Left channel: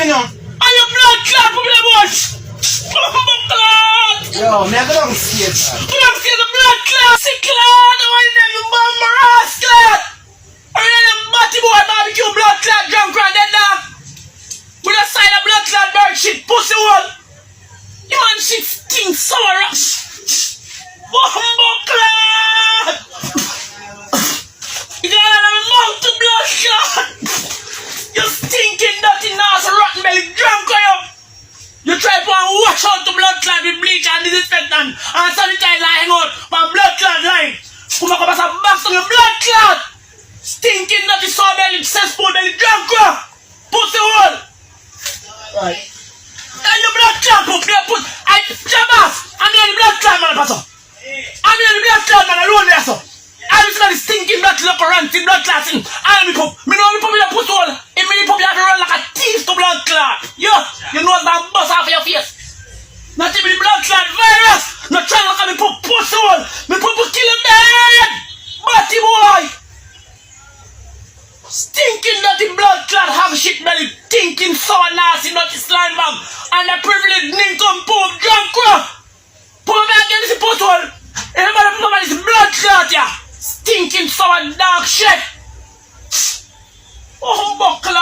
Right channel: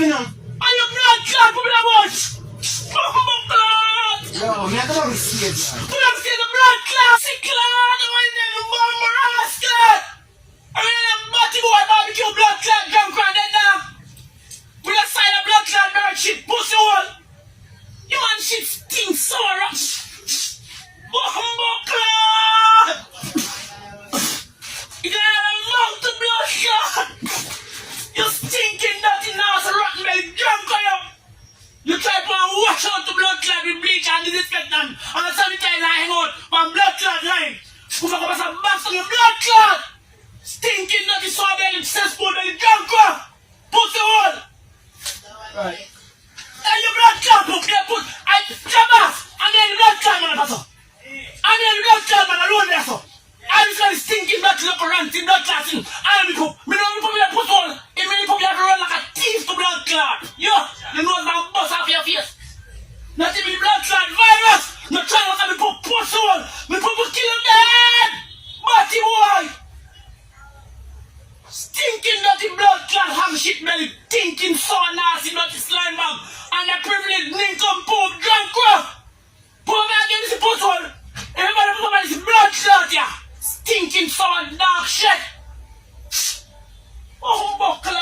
for now. And your blood clot for me the bush. Clot. Yo, me I go down stairs, man. You don't see the blood clot. See clot. The one them bomb ass clot. I mean them batty boy barbecue blood clot drunk right dead dog. With a side of blood clot bird shit pussy hole. You man shit stinks sour rush. Bumbo clot. You got out of my mouth to blood clot. You stinking dirty nasty rotten belly drunk are you. You try to wash out the blood clot with bleach and disinfectant and sanitizer and hang out my blood clot line. Come on, some box on your blood clot. Stinking dirty sour belly, cesspool belly drunk pussy hole. Right. And your blood clot put I Jabas, I'm here the blood clot man pastor. I'm here the blood clot man alone there so. I was the stinking blood clot ranting blood clot thing. I am poop. Me know me poop in a pussy hole. In me poop you have to run like a thief to blood clot. Yo, you know that bust off your face. Not even the blood clot virus. Not trying to look at me poop pussy hole. Me poop will kill him dead. Batty boy. Stinking dirty blood clot have shit belly. Stinking sour nasty dirty slime bag. And the privileged nincompoop drunk crap. Poop me against the pussy hole. Everybody put on this blood clot yeah. Stinking sour dark shit. Oh, buckle